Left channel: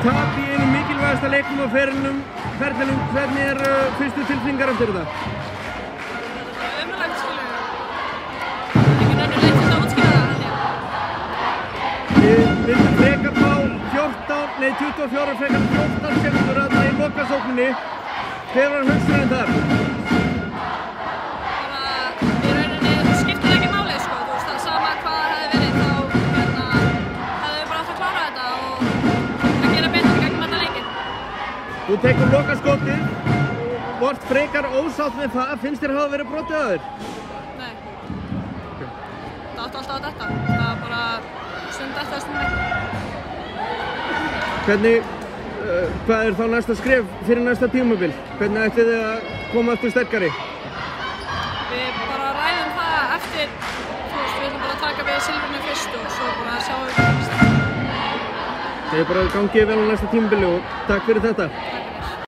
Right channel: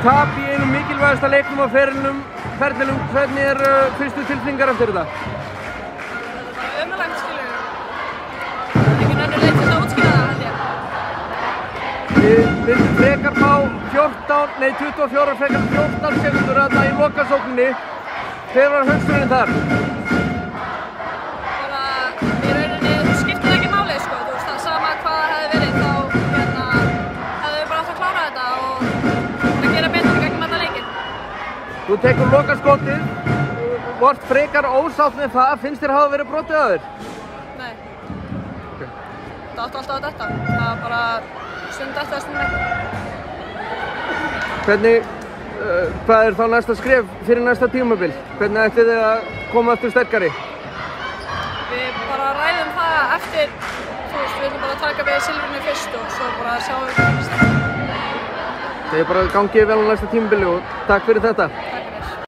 Tap í einum mikilvægasta leiknum á ferlinum. Hvernig fyrstu tilfinningar eftir þetta? Þetta var ömurlegt, skilur. Það er engin önnur leið til að útskýra það, held ég. Við vildum frekar fá 24 frekar 14 skemmtur þarna í lokasókninni. Hver var hugsunin þar? Bara, í rauninni skiptir það ekki máli, sko. Þú veist, það sama hvað það hefði verið, þá hefðu við bara átt að klára þetta og gera betur í gegnum þetta leikinn. Þú tekur lokaskotið, vart frekar ósátt með það, finnst þér hafa verið brotið að þér? Nei. Það átti alltaf að detta. Það var bara stund eftir að stund ekki. Hvað er þá næsta skref fyrir næsta tímabil? Hvernig ætlið þið að koma aftur sterkari? Við bara ræðum það eftir, þú veist, við ætlum bara að taka við silfrinu fyrst og svo bara sjáum við hvað gerist. Þið bara gangið vel á næsta tímabili og takk fyrir þetta. Takk.